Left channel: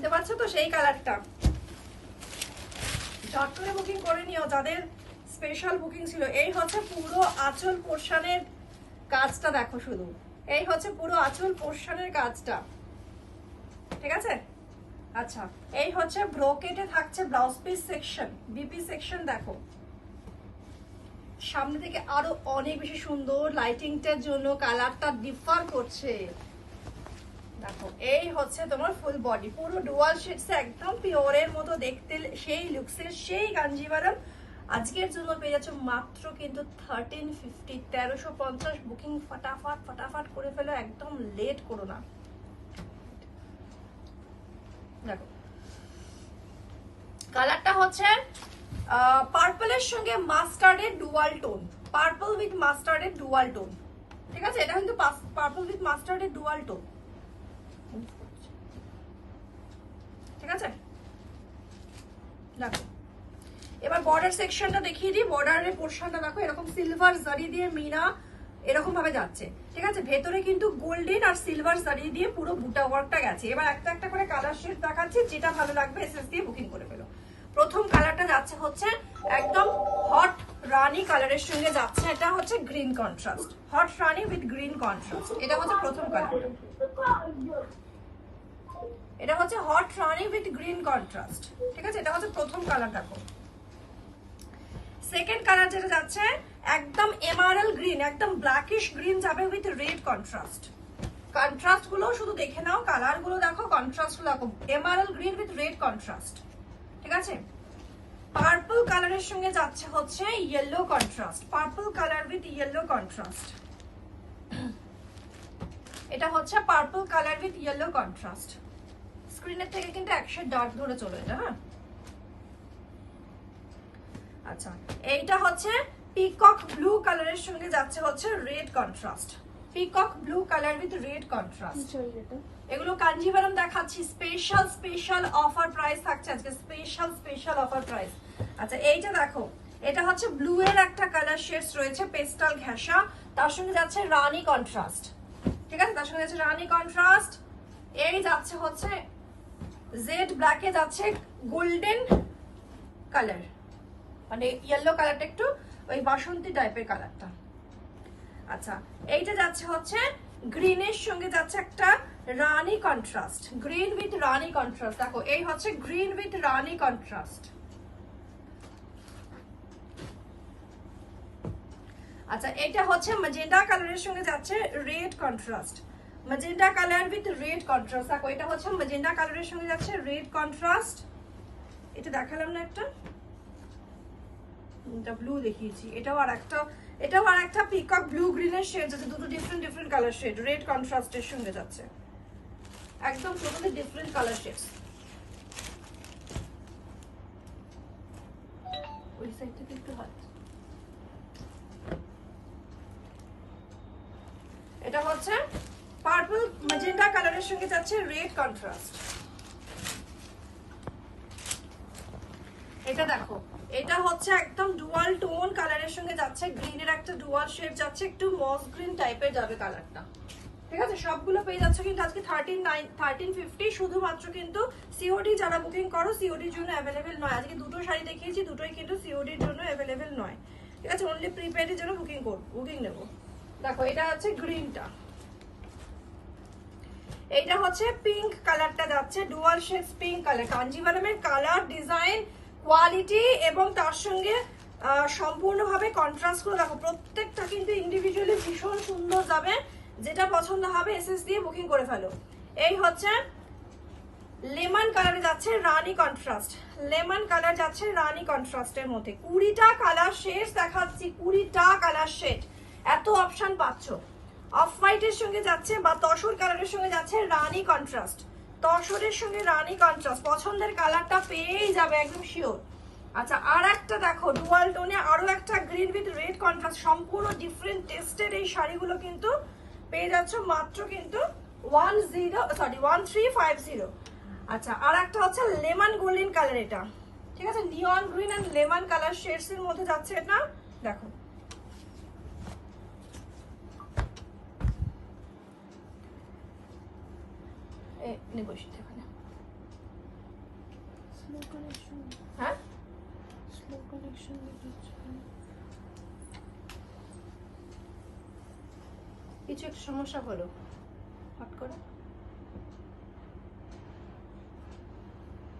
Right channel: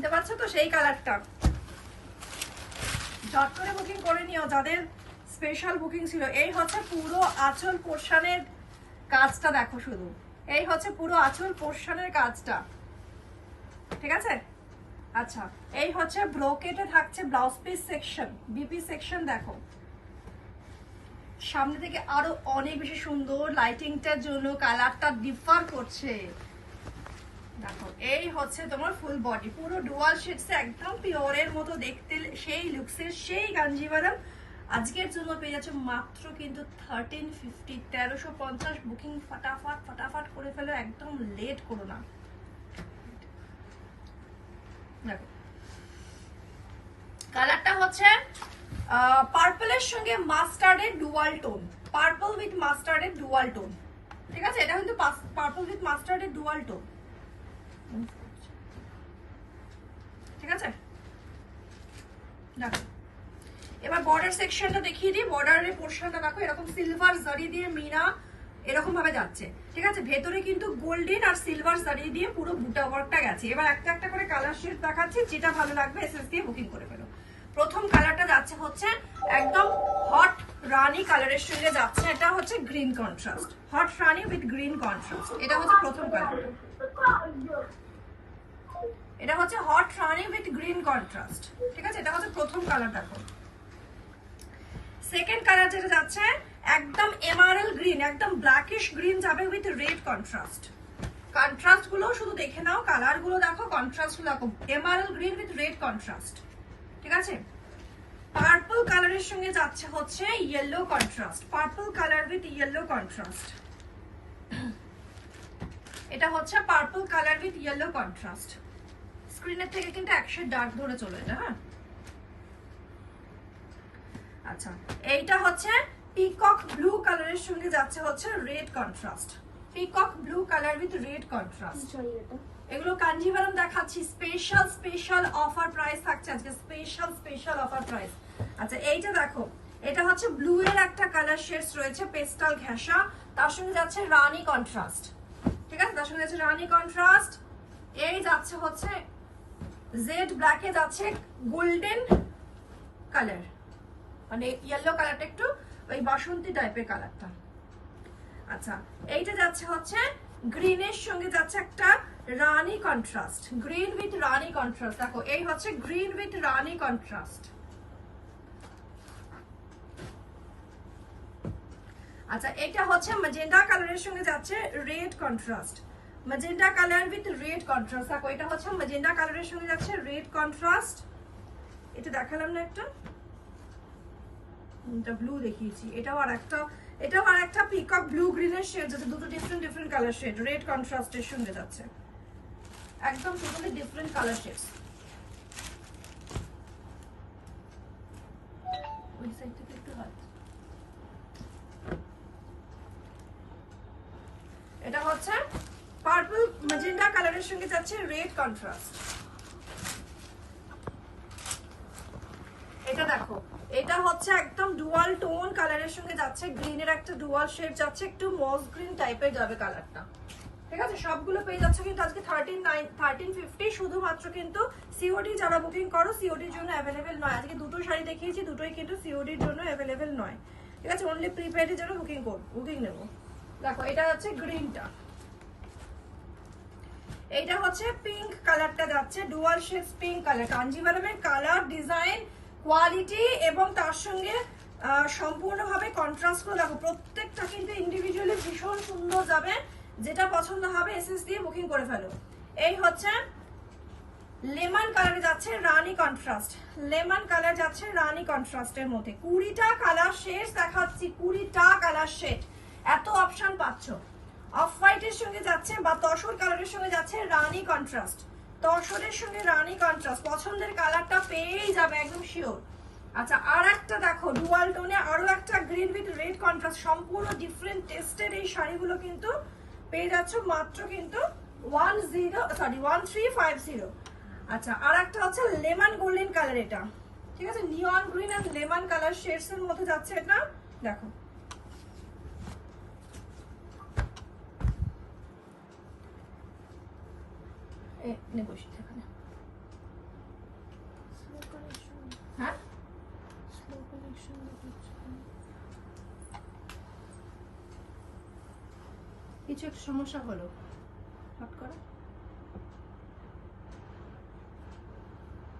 চিনতে পারছো তো সেই কালারটা, ঝট করে বুকিং করে নিও যাদের স্পেশাল বুকিং ছিল। এই হচ্ছে পুরো আঁচল পোর্শনের কাজটা, দেখো শুধু এই হচ্ছে পুরো আঁচল পোর্শনের কাজটা, ঠিক আছে। আচ্ছা, এই হচ্ছে ব্রোকেটে থাকছে blouse piece section, BP section. দেখো সামনে থেকে আরো অনেক বেশি সুন্দর, লাইটিংটার জন্য কালারটা ডিফার করছে। দেখো এই হচ্ছে তোমার ফুল বডি, পুরো ডুয়াল শেডস, একদম পিওরের মতো দেখতে, সেই লুকসের সেই কাঞ্জিভারম। আজকের জন্য পেয়ে যাচ্ছ মাত্র কিন্তু 1350, 1350 বুকিং ফটাফট ফটাফট করে ফেলো, একদম লেট করো না। দেখো কালারটা হচ্ছে পার্পলের সঙ্গে মাস্টার্ডের ডুয়াল টোন, পার্পল উইথ মাস্টার্ডের ডুয়াল টোন, ঠিক আছে। এটা কিন্তু পার্পল উইথ মাস্টার্ডের ডুয়াল টোন, ঠিক আছে। দেখো এবার বর্ডার সেকশনটা দেখিয়ে দিই। বর্ডারের পোর্শনটা দেখো এরকম সিলভার জারি দিয়ে মিনা এরকম ভাবে যাচ্ছে, ঠিক আছে। ভেতরে কিন্তু গোল্ডেন আর সিলভার জারি দিয়ে পুরো বুটা ওয়ার্কটা গেছে। এবার একটা একটা করে কালার শেড দেখাচ্ছি, যেটা ভালো লাগবে এসএস দিয়ে বুকিং করে ফেলো। প্রথম কালারটা যাচ্ছে হচ্ছে একদম হট রানি কালারের সঙ্গে যাচ্ছে, এটা হচ্ছে green contrast, hot Rani with green contrast, এটা হচ্ছে প্রথম কালার। এটা হচ্ছে hot Rani with green contrast, ঠিক আছে। এটা হচ্ছে প্রথম কালার। দেখো সেকেন্ড কালার যেটা যাচ্ছে একদম এমারাল গ্রিন, একদম ব্ল্যাকিশ গ্রিন যাবে উইথ রেড কন্ট্রাস্ট। কন্ট্রাস্ট গুলো শুধু দেখে নাও, কালার গুলো দেখো, কন্ট্রাস্ট গুলো দেখো, এমারাল গ্রিন উইথ রেড কন্ট্রাস্ট, ঠিক আছে। পার্পল কালারের সঙ্গে যাচ্ছে হচ্ছে yellow contrast, purple colour with yellow contrast, এটা হচ্ছে purple colour with yellow contrast. স্ক্রিনের থেকে কিন্তু এক শেড ডার্ক ধরে চলে যায়, হ্যাঁ। আচ্ছা, এইটা হচ্ছে পিকক ব্লু কালারের সঙ্গে যাচ্ছে হচ্ছে red contrast, peacock blue colour with red contrast. এগুলো কাঞ্জিভারম দেখাচ্ছি, স্পেশাল স্পেশাল অফার প্রাইস থাকছে আজকে, স্পেশাল স্পেশাল অফার প্রাইস। আচ্ছা এইটা দেখো, এটা হচ্ছে ব্লু এর একটা কালার শেডস রয়েছে, পেস্টাল ঘেঁষা, তার সঙ্গে যাচ্ছে রানী কন্ট্রাস্ট, ঠিক আছে। তার সঙ্গে যাচ্ছে রানী কন্ট্রাস্ট। এই যাচ্ছে হচ্ছে জেড ব্ল্যাকে যাচ্ছে গোল্ডেন কালার, মানে ইয়েলো কালারটা একটু ওই বাসন্তী টাইপের কালারটা। আচ্ছা এইটা যাচ্ছে হচ্ছে গ্রিনের সঙ্গে যাচ্ছে একটা রানী কন্ট্রাস্ট, গ্রিন উইথ রানী কন্ট্রাস্ট। দেখো এই হচ্ছে গ্রিন উইথ রানী কন্ট্রাস্ট। আচ্ছা এটা হচ্ছে ম্যাজেন্ডা কালারের সঙ্গে যাচ্ছে red contrast, magenta colour with red contrast. দেখো এটা হচ্ছে ম্যাজেন্ডা কালারের সঙ্গে যাচ্ছে রেড কন্ট্রাস্ট। এটা দেখালাম না একটা, এটা ব্লু দেখিয়েছি, এটাও আর একটা পিকক ব্লু গ্রিনের শেড আছে, দুটো different different colour shade red কন্ট্রাস্টের সঙ্গে যাচ্ছে, একদম টোটালি ডিফারেন্ট কালার শেডস। ওই সাইড থেকে একটু হয়। এটা হচ্ছে পার্পল ম্যাজেন্ডা কালারের সঙ্গে যাচ্ছে রেড কন্ট্রাস্ট। এটা দেখো, এটা হচ্ছে একদম ডুয়াল টোন কালারের সঙ্গে যাচ্ছে, গ্রিনের একটা ডুয়াল শেড যাচ্ছে, একটু মস গ্রিন টাইপের যাবে কালারটা, ঠিক আছে। সবগুলো পেয়ে যাচ্ছে কিন্তু আজকে 1350, শুধুমাত্র কিন্তু সিওডি যারা বুকিং করো সিওডির জন্য অ্যাভেলেবেল নয়। আজকে দুটো শাড়ি দেখিয়েছি, দুটোই কিন্তু সিওডির জন্য অ্যাভেলেবেল নয়, ঠিক আছে। অনলি প্রিপেডের জন্য বুকিং নেব। দেখো এটা হচ্ছে গ্রিনটা, এইটা হচ্ছে পিঙ্ক কালারটা যাচ্ছে, ডুয়াল শেডস পিঙ্ক কালার। কাঞ্জিভারমের কালার ডিজাইন কোয়ালিটি এবং তার সঙ্গে সম্পূর্ণভাবে কন্ট্রাস্ট করে দেখো, প্রত্যেকটা কিন্তু ইন্ডিভিজুয়ালি ভীষণ সুন্দর যাবে। যেটা পছন্দ হবে এসএস দিয়ে বুকিং করে ফেলো। এই হচ্ছে লেমন কালারে যাচ্ছে রানী কন্ট্রাস্ট, লেমন কালার যাচ্ছে রানী কন্ট্রাস্টের মধ্যে। 20টা কালার শেড দেখাচ্ছি, 20টা কালার শেড, এত অপশন পাচ্ছ। অফ হোয়াইটের সঙ্গে যাচ্ছে বা তসর কালারের সঙ্গে যাচ্ছে রানী কন্ট্রাস্ট, তসরের সঙ্গে রানী কন্ট্রাস্ট, পছন্দের কালারটা পেয়েই যাবে একদম শিওর। আচ্ছা আর একটা দেখো ডুয়াল টোনে আরো একটা গ্রিন উইথ রেড কন্ট্রাস্ট, সম্পূর্ণ ডিফারেন্ট টেস্টের এই শাড়িগুলো কিন্তু পেয়ে যাচ্ছ মাত্র কিন্তু 1350। আচ্ছা আর একটা হচ্ছে লেমন গোল্ডেন কালার, এটা ঠিক আছে, neon green and lemon colour shades এর মধ্যে যাচ্ছে এটা। দেখো বসে এখানে হ্যাঁ স্লো কালেকশন দেখাচ্ছে। কিছু একটা সমস্যা হলো হট করে